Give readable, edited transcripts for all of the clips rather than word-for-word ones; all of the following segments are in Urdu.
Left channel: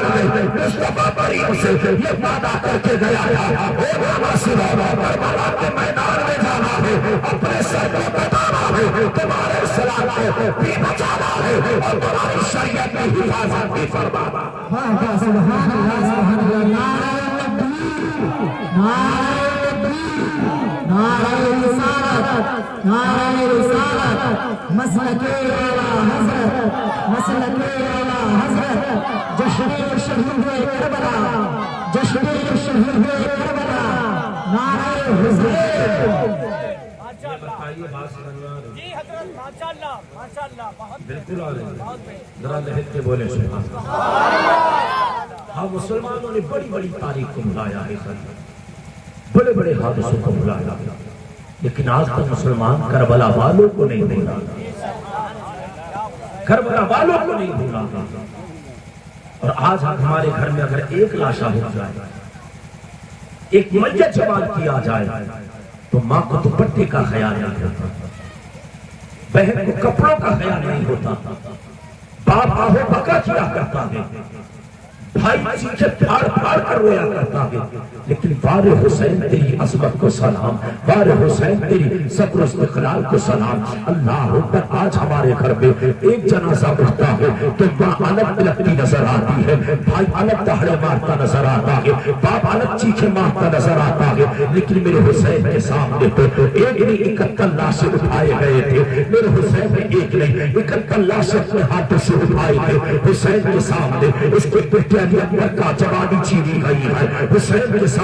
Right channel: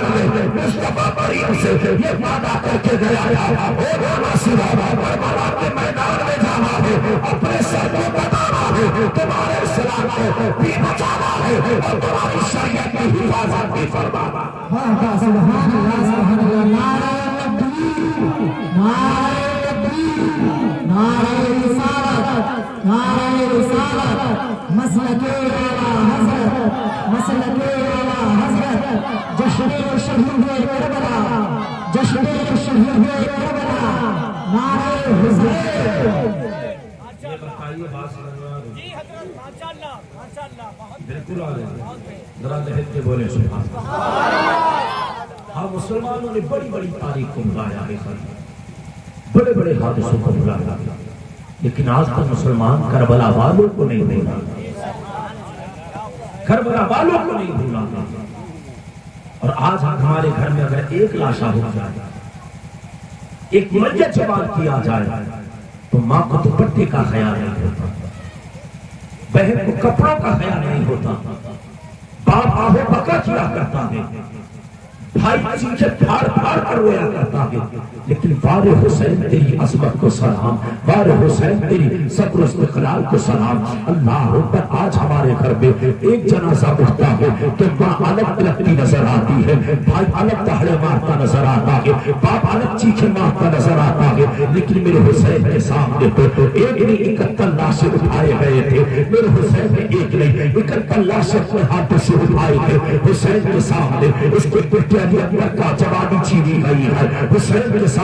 میدان میں مصطفیٰ کریم سے یہ وعدہ کر کے گیا تھا، اے رسول اللہ، کربلا کے میدان میں جانا ہے، اپنے سر کو بتانا ہے، تمہارے اسلام کو بھی بچانا ہے اور تمہاری شریعت کی حفاظت بھی فرمانا ہے۔ سبحان اللہ سبحان اللہ، نعرہ رسالت، نعرہ رسالت، مسلک اعلیٰ حضرت، مسلک اعلیٰ حضرت، جشن شہید کربلا، جشن شہید کربلا، نعرہ حضرت۔ جی حضرت ماشاءاللہ ماشاءاللہ، بہت بالکل ذرا لہج کے بولے سبحان ہم مسلمانوں نے بڑی بڑی تاریخ کو بھلایا ہے، بڑے بڑے حادثوں کو بھلایا، لیکن آج تک مسلمان کربلا والوں کو نہیں بھولا، کربلا والوں کو نہیں بھولا۔ اور آج ہمارے گھر میں اگر ایک لاشا ہو جائے، ایک میت جوان کیا جائے، تو ماں کو دوپٹے کا خیال نہیں ہوتا، بہن کو کپڑوں کا خیال نہیں ہوتا، باپ آہو بکا کیا کرتا ہے، بھائی چیزیں پھاڑ پھاڑ کر رویا کرتا ہے، لیکن بار حسین تیری عظمت کو سلام، بار حسین تیری صبر و استقلال کو سلام۔ اللہ اکبر، آج ہمارے گھر میں ایک جنازہ اٹھتا ہے تو ماں الگ تلکتی نظر آتی ہے، بھائی الگ دہڑے مارتا نظر آتا ہے، باپ الگ چیخے مارتا نظر آتا ہے، لیکن میرے حسین کے سامنے تو ایک نہیں 71 لاشیں اٹھائے گئے تھے، میرے حسین نے ایک نہیں 71 لاشیں اپنے ہاتھوں سے اٹھائے تھے۔ حسین کے سامنے اس کے بیٹے علی اکبر کا جوانی چھینی گئی ہے، حسین کے سامنے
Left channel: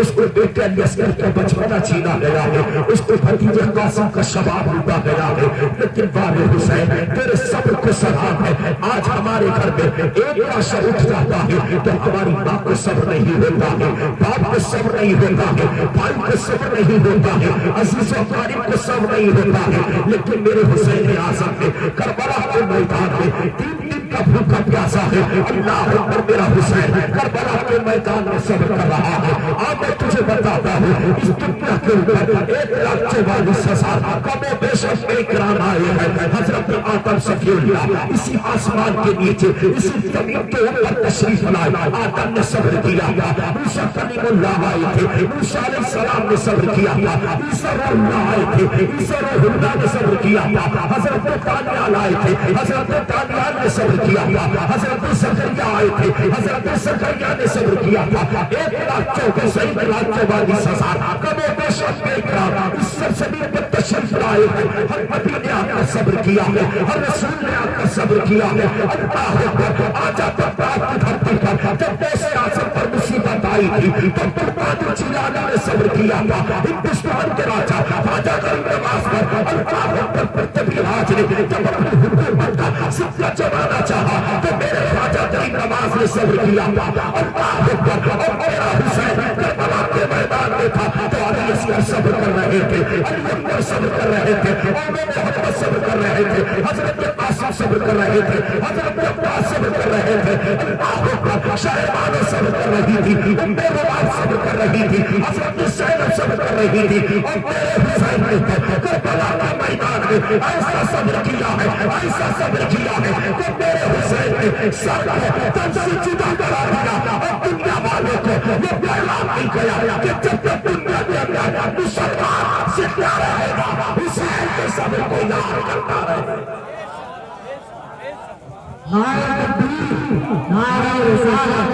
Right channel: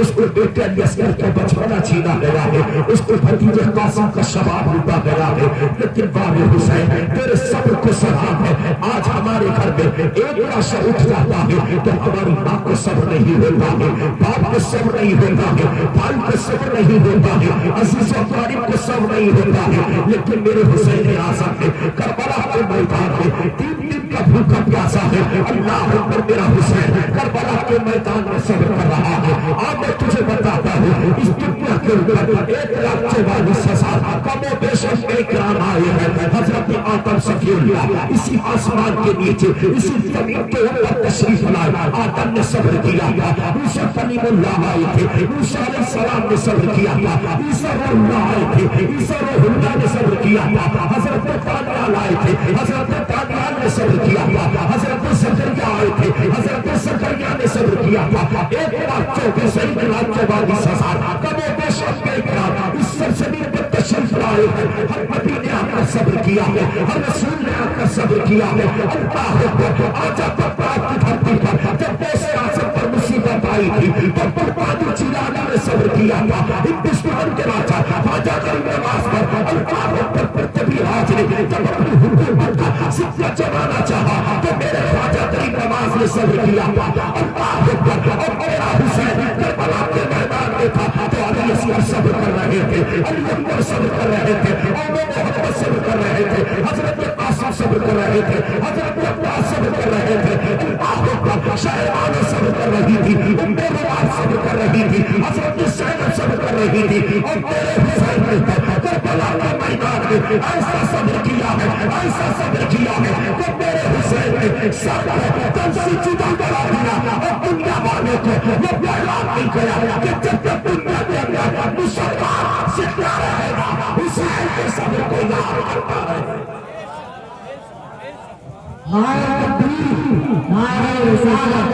اس کو بیٹے علی اصغر کا بچپنا چھینا گیا ہے، اس کو بھتیجے قاسم کا شباب لوٹا گیا ہے، لیکن بار حسین تیرے صبر کو سلام ہے۔ آج ہمارے گھر میں ایک لاشا اٹھ جاتا ہے تو ہماری ماں کو صبر نہیں ہوتا ہے، باپ کو صبر نہیں ہوتا ہے، بھائی کو صبر نہیں ہوتا ہے، عزیز و اقارب کو صبر نہیں ہوتا ہے، لیکن میرے حسین اعظم نے کربلا کے میدان میں 3 دن کا بھوکا پیاسا ہے، اللہ اکبر، میرا حسین کربلا کے میدان میں صبر کر رہا ہے۔ آج میں تجھے بتاتا ہوں اس دنیا کے اوپر 1,44,000 کم و بیش اکرام آئے ہیں۔ حضرت آدم صفی اللہ اسی آسمان کے نیچے اسی زمین کے اوپر تشریف لائے، آدم نے صبر کیا تھا، موسیٰ کلیم اللہ آئے تھے، موسیٰ علیہ السلام نے صبر کیا تھا، عیسیٰ روح اللہ آئے تھے، عیسیٰ روح اللہ نے صبر کیا تھا، حضرت دانیال آئے تھے، حضرت دانیال نے صبر کیا تھا، حضرت زکریا آئے تھے، حضرت زکریا نے صبر کیا تھا۔ 1,44,000 کم و بیش اکرام اس سرزمین پر تشریف لائے ہیں، ہر نبی نے آپ کا صبر کیا ہے، ہر رسول نے آپ کا صبر کیا ہے۔ اللہ اکبر، آج آپ کی دھرتی پر جب غوث اعظم پر مصیبت آئی تھی تو بہادر جیلانی نے صبر کیا تھا، ہندوستان کے خواجہ غریب نواز پر اللہ اکبر پرتبی راج نے جب اپنی حکومت کا سفر چلانا چاہا تو میرے خواجہ غریب نواز نے صبر کیا تھا، اللہ اکبر۔ اور میرا حسین کربلا کے میدان میں تھا تو علی اصغر صبر کر رہے تھے، علی اکبر صبر کر رہے تھے، محمد صبر کر رہے تھے، حضرت قاسم صبر کر رہے تھے، حضرت عباس صبر کر رہے تھے، اللہ اکبر، شہبانہ صبر کر رہی تھی، روایت صبر کر رہی تھی، حضرت زینب صبر کر رہی تھی، اور میرے حسین نے کربلا کے میدان میں ایسا صبر کیا ہے، ایسا صبر کیا ہے کہ میرے حسین نے سارے تن سے جدا کرا دیا اور دنیا والوں کو یہ پیغام نہیں گیا کہ جب تک دنیا کے اندر مسلمان زندہ رہے گا حسین کے صبر کو یاد کرتا رہے گا۔ نعرہ تکبیر، نعرہ رسالت،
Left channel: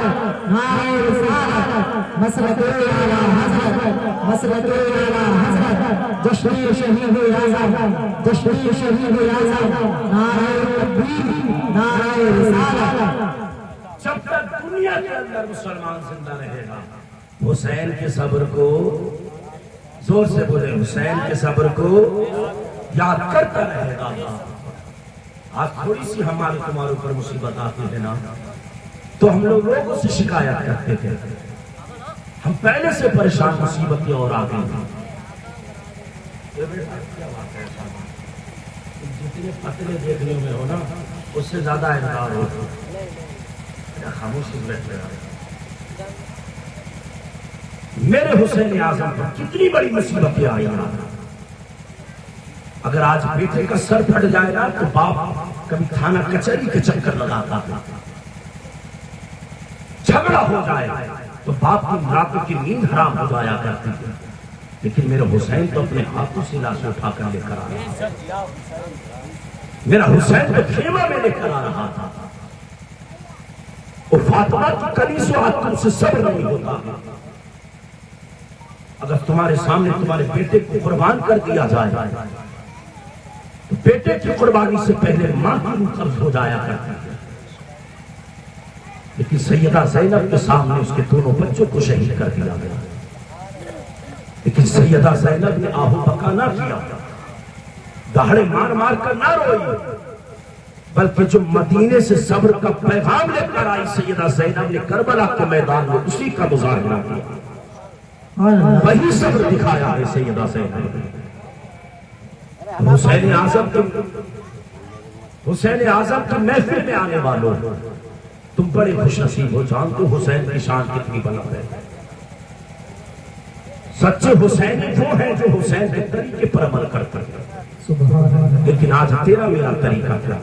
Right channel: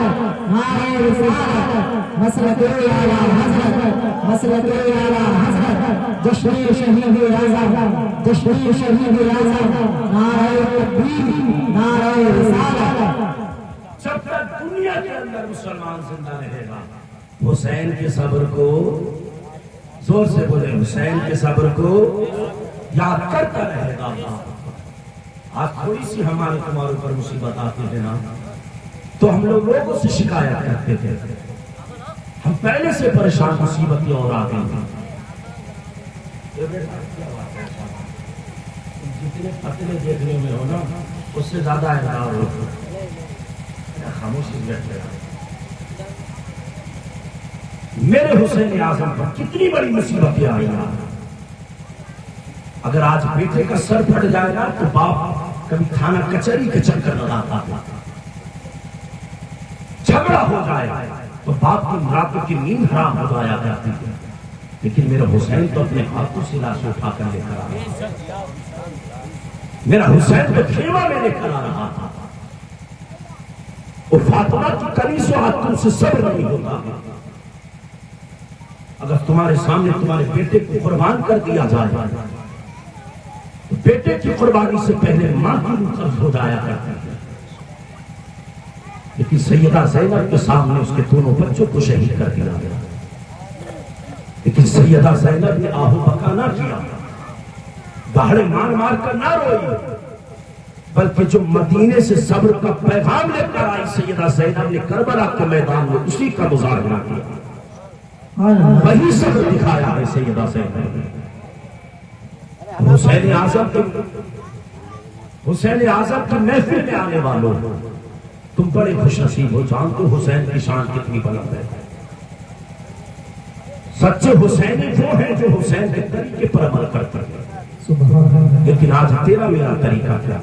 نعرہ رسالت، مسلک اعلیٰ حضرت، مسلک اعلیٰ حضرت، جشن شہید اعظم، جشن شہید اعظم، نعرہ تکبیر، نعرہ رسالت۔ جب تک دنیا کے اندر مسلمان زندہ رہے گا حسین کے صبر کو، زور سے بولے، حسین کے صبر کو یاد کرتا رہے گا۔ آج تھوڑی سی ہمارے تمہارے اوپر مصیبت آتی ہے نا تو ہم لوگ لوگوں سے شکایت کرتے تھے، ہم پہلے سے پریشان، مصیبتیں اور آ گئی ہیں۔ جتنے پتلے دیکھنے میں ہو نا اس سے زیادہ انکار ہو، خاموشی بیٹھ رہا۔ میرے حسین اعظم پر کتنی بڑی مصیبتیں آئی نا، اگر آج بیٹے کا سر پھٹ جائے گا تو باپ کبھی تھانہ کچہری کے چکر لگاتا ہے، جھگڑا ہو جائے تو باپ کی راتوں کی نیند حرام ہو جایا کرتی ہے، لیکن میرا حسین تو اپنے ہاتھوں سے لاش اٹھا کر لے کر آ رہا تھا، میرا حسین تو خیمہ میں لے کر آ رہا تھا۔ وہ فاطمہ کی کنیز و ہاتھ تم سے صبر نہیں ہوتا، اگر تمہارے سامنے تمہارے بیٹے کو قربان کر دیا جائے تو بیٹے کی قربانی سے پہلے ماں کی روح قبض ہو جایا کرتی ہے، لیکن سیدہ زینب کے سامنے اس کے دونوں بچوں کو شہید کر دیا گیا، لیکن سیدہ زینب نے آہو بکا نہ کیا، دہاڑے مار مار کر نہ روئی، بلکہ جو مدینے سے صبر کا پیغام لے کر آئی سیدہ زینب نے کربلا کے میدان میں اسی کا مظاہرہ کیا، وہی صبر دکھایا ہے سیدہ زینب نے۔ حسین اعظم کی محفل میں آنے والوں، تم بڑے خوش نصیب ہو، جانتے ہو حسین کی شان کتنی بلند ہے۔ سچے حسینی وہ ہیں جو حسین کے طریقے پر عمل کرتے ہیں، لیکن آج تیرا میرا طریقہ کیا؟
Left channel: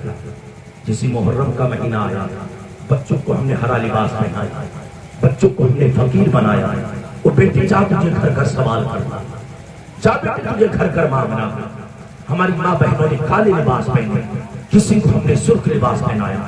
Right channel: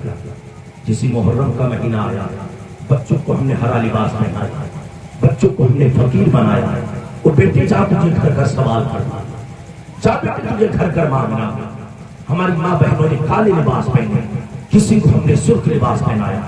جسی محرم کا مہینہ آیا، بچوں کو ہم نے ہرا لباس پہنایا، بچوں کو ہم نے فقیر بنایا، وہ بیٹے جا تجھے گھر گھر سوال کرنا، جا بیٹے تجھے گھر گھر مانگنا۔ ہماری ماں بہنوں نے کالے لباس پہنے، کسی کو ہم نے سرخ لباس پہنایا،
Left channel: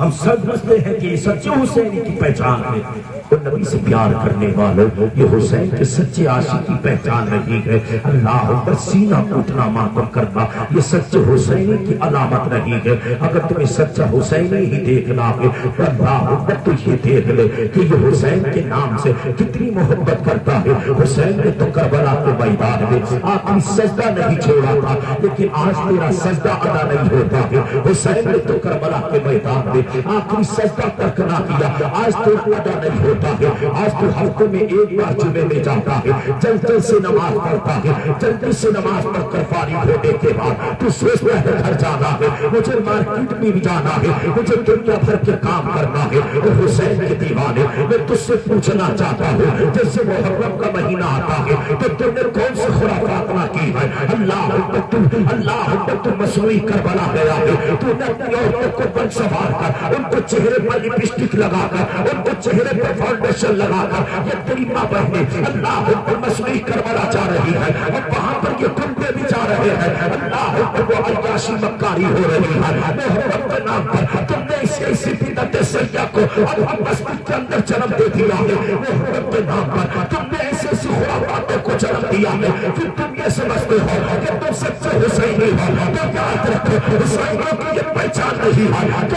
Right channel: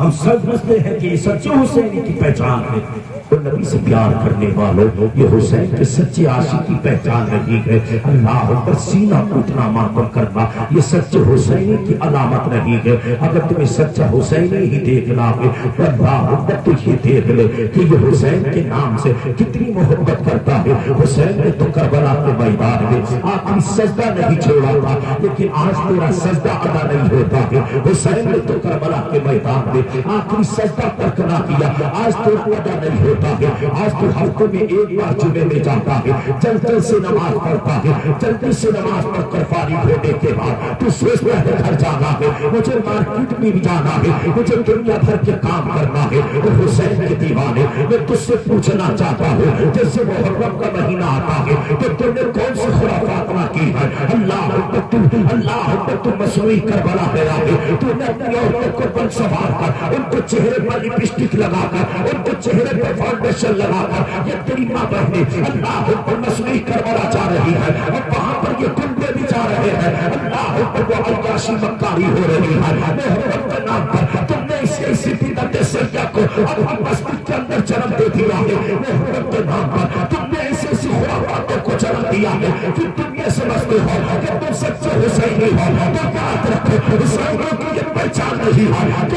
ہم سمجھتے ہیں کہ یہ سچے حسینی کی پہچان ہے، اور نبی سے پیار کرنے والوں یہ حسین کے سچے عاشق کی پہچان نہیں ہے۔ اللہ اکبر، سینہ ٹوٹنا ماتم کرنا یہ سچے حسینی کی علامت نہیں ہے۔ اگر تمہیں سچا حسینی ہی دیکھنا ہے تو اللہ اکبر تو یہ دیکھ لے کہ یہ حسین کے نام سے کتنی محبت کرتا ہے۔ حسین نے تو کربلا کے میدان میں آخری سجدہ نہیں چھوڑا تھا، لیکن آج تیرا سجدہ ادا نہیں ہوتا ہے۔ حسین نے تو کربلا کے میدان میں آخری سجدہ تک نہ کیا، آج تو ادا نہیں ہوتا ہے۔ آج تو ہفتے میں ایک بار جمعے میں جاتا ہے، جلدی سے نماز پڑھتا ہے، جلدی سے نماز پڑھ کر فارغ ہونے کے بعد تو سوچتا ہے گھر جانا ہے، مجھے مارکیٹ میں بھی جانا ہے، مجھے دنیا بھر کے کام کرنا ہے۔ اور حسین کے دیوانے، میں تجھ سے پوچھنا چاہتا ہوں، جیسے محرم کا مہینہ آتا ہے تو تم نے کون سی خرافات نہ کی ہے؟ اللہ تو مصنوعی کربلا گیا ہے، تو نے اپنی عورتوں کو بن سوار کر ان کو چہرے پر لپسٹک لگا کر ان کو چہرے پر فاؤنڈیشن لگا کر یہ تیری ماں بہنیں اللہ پر مصنوعی کربلا جا رہی ہے، اور وہاں پر یہ کنبے بھی جا رہے ہیں، اللہ پر وہ عیاشی مکاری ہو رہی ہے۔ محرم کے نام پر تم نے اسی بدعت سیاہ کو اپنی مسجد کے اندر جنم دے دیا ہے، محرم کے نام پر تم نے ایسی خرافاتوں کو جنم دیا ہے۔ پھر تم یہ سمجھتے ہو کہ تم سچے حسینی ہو، تو یاد رکھو حسینیوں کی یہ پہچان نہیں ہے کہ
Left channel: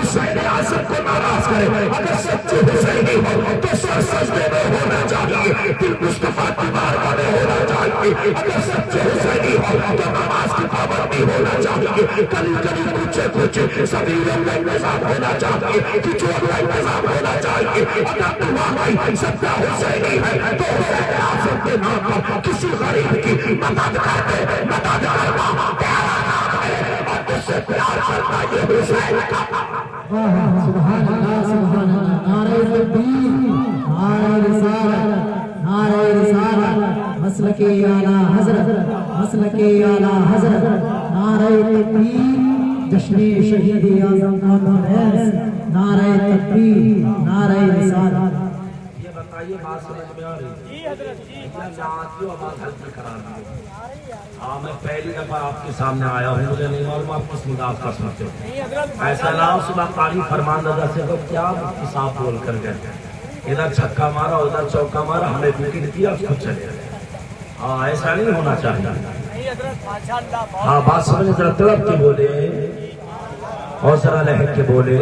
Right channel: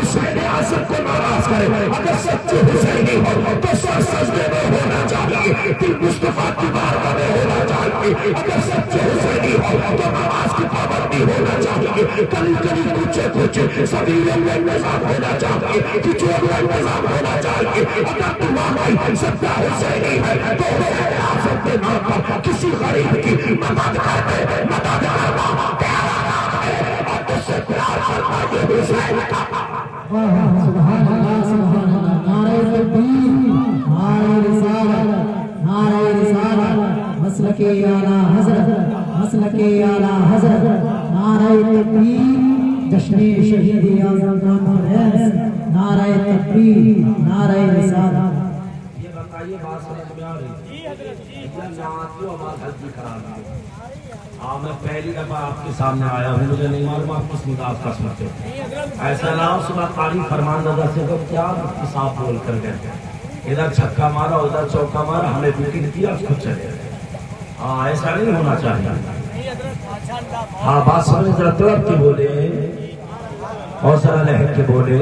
حسین اعظم کو ناراض کرے۔ اگر سچے حسینی ہو تو سر سجدے میں ہونا چاہیے، دل مصطفیٰ کی بارگاہ میں ہونا چاہیے۔ اگر سچے حسینی ہو تو نماز کی پابندی ہونا چاہیے، کلی کلی پوچھے سبھی میں نظام ہونا چاہیے، کچھوں میں نظام ہونا چاہیے۔ اگر تمہاری سچا حسینی ہے تو حسین اعظم کے نام پر کسی غریب کی مدد کرتے، مدد کرنا پیارا نام ہے، اور تجھ سے پیار کرنا یہ حسین کا سبحان اللہ سبحان اللہ، نعرہ تکبیر، نعرہ رسالت، نعرہ رسالت، مسلک اعلیٰ حضرت، مسلک اعلیٰ حضرت، نعرہ تکبیر، جشن شہید اعظم نام ہے، نعرہ تکبیر، نعرہ رسالت۔ یہ بتائیے بات سمجھ میں آ رہی ہے؟ جی حضرت جی نعتیوں آواز ہلکی کرا دی۔ میں پہلی دفعہ آپ کے سامنے آیا ہوں، مجھے نہیں معلوم آپ کس مداف کا سمجھتے ہو۔ نہیں حضرت ایسا نام صبح تعلیم فرمان دادا سے تو کیا صاف بول کر گئے، ادھر چھکا مارا ادھر چوکا مارا، ہمیں وکٹ دیا خود چلے گئے۔ ہاں ایسا نہیں ہونا چاہیے۔ نہیں حضرت ماشاء اللہ ہاں بات سمجھ ذرا طرف کی بولے اور ذرا لہر کے بولے۔